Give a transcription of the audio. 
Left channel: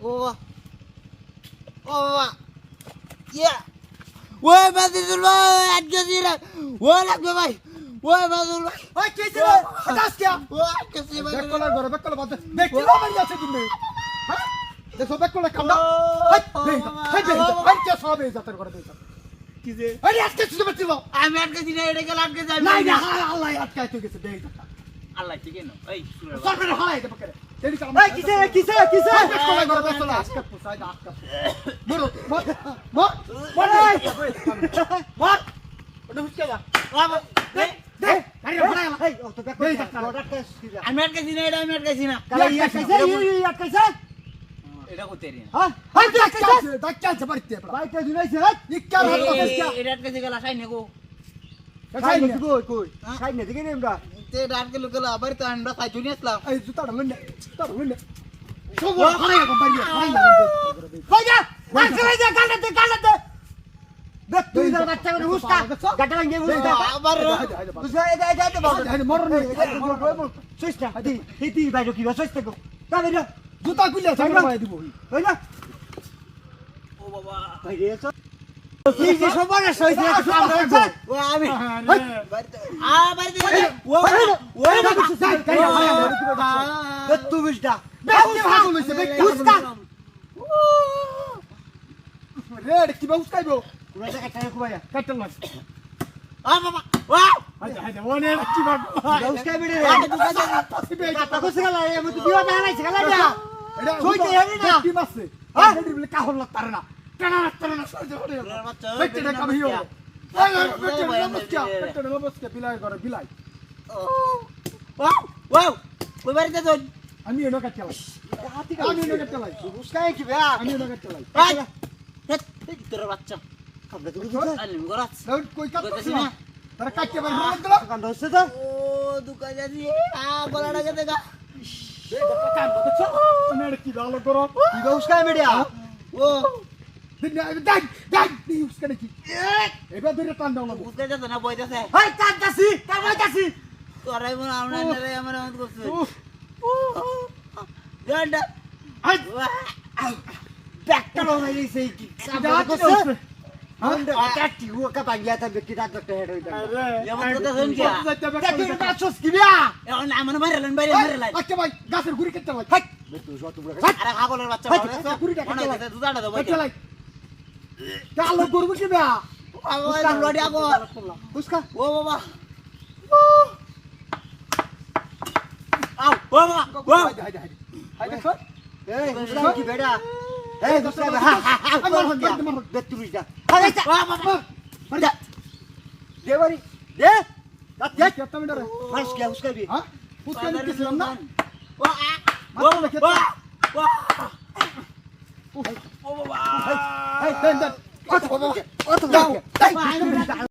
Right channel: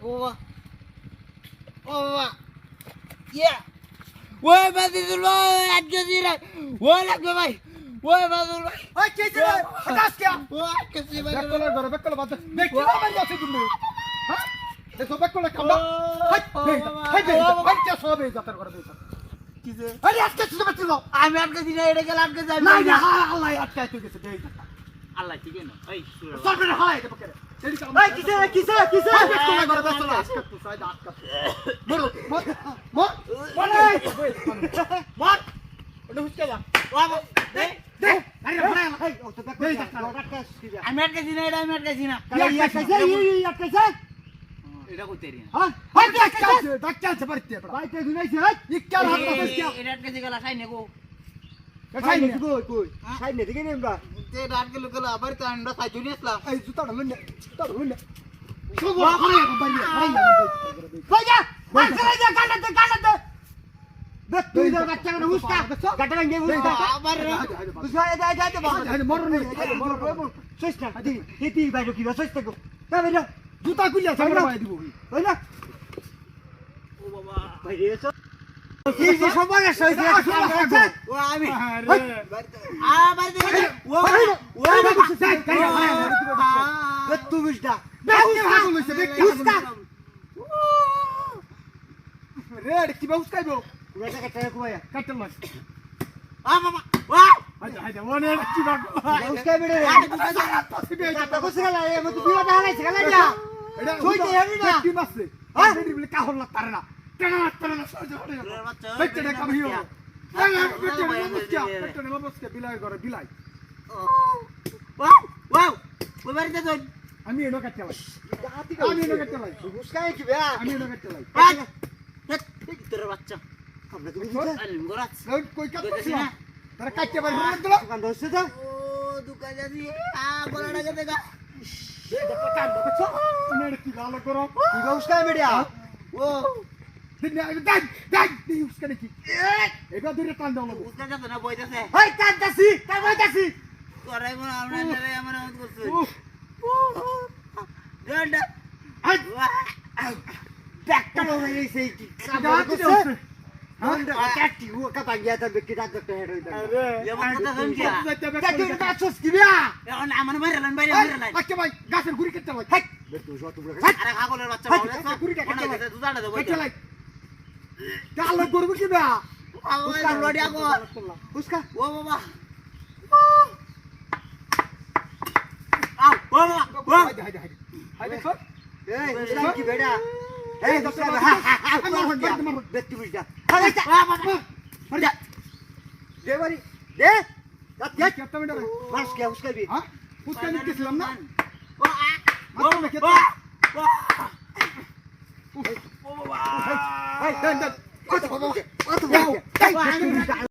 ও ও ইয়া ওই বাদিদুল ভাই আজকে দিরা ও লাগবে ভাই ওই বাদিদুল ভাই ওই কেছে রে আকাশ কে ও কেসি ভাই বেকলা ঘরে বেকলা বাদ দেখ কি মারি আছে তুমি হ্যাঁ দেখো বেকলা কামড়া হাই দে হাই কে সবে যাতর করে দে কি যে আরে আজকে শুধু বেতিল আমি আটকে দিনা এটা গেল আটকে যাই না না আল্লাহ আটকাই তুই গেছে দেই আল্লাহ ঠিক না এই সরবে হালাই কে বকে তেরি কাম এই কিসে বেকলা ঘরে বেকলা আজকে তো সাইড আজকে মরো মর মর মর ওটা হুসকে যা বাবা দে দে আরে বড় এই ও তো বেকলা আমি আটকে দিনা এটা আমি আটকে দিনা এটা করতে রি হ্যাঁ হাই তুই আজকে ডাক্তার আছে বাড়িতে বাইতে দিনাইছে হাই নিকাল হাত বসে এটা আটকে দিগলা সাই নেগো খাই নে কই খাই নে দিকে নেমরা তে ডাক গেল গেল আবার তো আন্ডা খাই জুনি আসলাম এই জুতাটা লইনে সব হারাই এখন বাইরে হারাই কই যা বাসরে যা গালাতে দেখ তুই যা গাচ্চা করে হুসকা গাটা ভেঙে হুসকা আবার তুই যা যা বাবা মরন নে সুস্তা দি বাইরে কি সুস্তা কো তা বাইরে জুতা খুলে সামনে বাইরে দিব হই না ও বাবা বাইরে সব এই যে সবার সইছে ও আমি বাড়িতে ও তুই বুঝটা রেড কি বাউস খাইবো কুয়াটা কাটা কুয়া কাটল না বাবা ওয়া হাইদা ওনে কি বাউস খাইবে রে কাটা কস গলা আমি তো দিওয়া না নাই গলা যা সইতে হেরি না কি মাসে হ্যাঁ হেরি বলে কাহর লাগতারে না টানা সইতে হরে বেটে না কাবিও বেটে না বসকে বিলাই করে বিলাই ওয়াও কই বাড়িতে তুই আমি এনো কাটলাই আমি এনো কাটলাই বুঝ খাই কি বেয়া আমি এনো কাটলাই এই তোর বাচ্চা আপনি তুমি আলিম গরাত লউট কই কাটছিস না তারা কাটতে পারবি না তো কান ধরছে তো ও দুকা যাদি গলাটা গেতে গা কান ধরছে মানে কি ভালো করো কি বুঝ খাই মিডিয়া ও দেখ বুঝ খাই কি এবার ধরে টান দাও না বুঝতে যাচ্ছে না বইতাছে হাই টানতাছি তোরাই মনে আমরা নেরে আমার মত করছিস গন্ডা হাই ব্যাকটা লই গেছে কি কাম করছে আমরা কাটি ও কা বাগিয়া তা ব্যক্তি ডাক্তার হেড হইতা এমন কথা শুনছিয়া দেখি বাচ্চাস কি বিয়া এখন আমার মারলেন বাইরে বাচ্চা ভাই গাছের গুড়ি কেটে লাই হাই বেতু যত বড় হাই আরে ছাগলের বাচ্চা বাবা গুড়িটা কেটে লাই দুটাটা দাও কেটে লাই কালো গরু কি বিয়া উস্কা লড়ি আগো উস্কা ও বাবা আও ও বাবা ও হাই দেখো এই উস্কা কি বেড়া এই উস্কা আমার ব্যক্তি বুঝা হাই বাবা মার যা দেবারি দে রাত কে কত মিনিট রে মাস কে উস্কা বি হ্যাঁ উস্কা নিতেছিলাম না ও ও ও ও বাবা হাই দেন কত কত যাও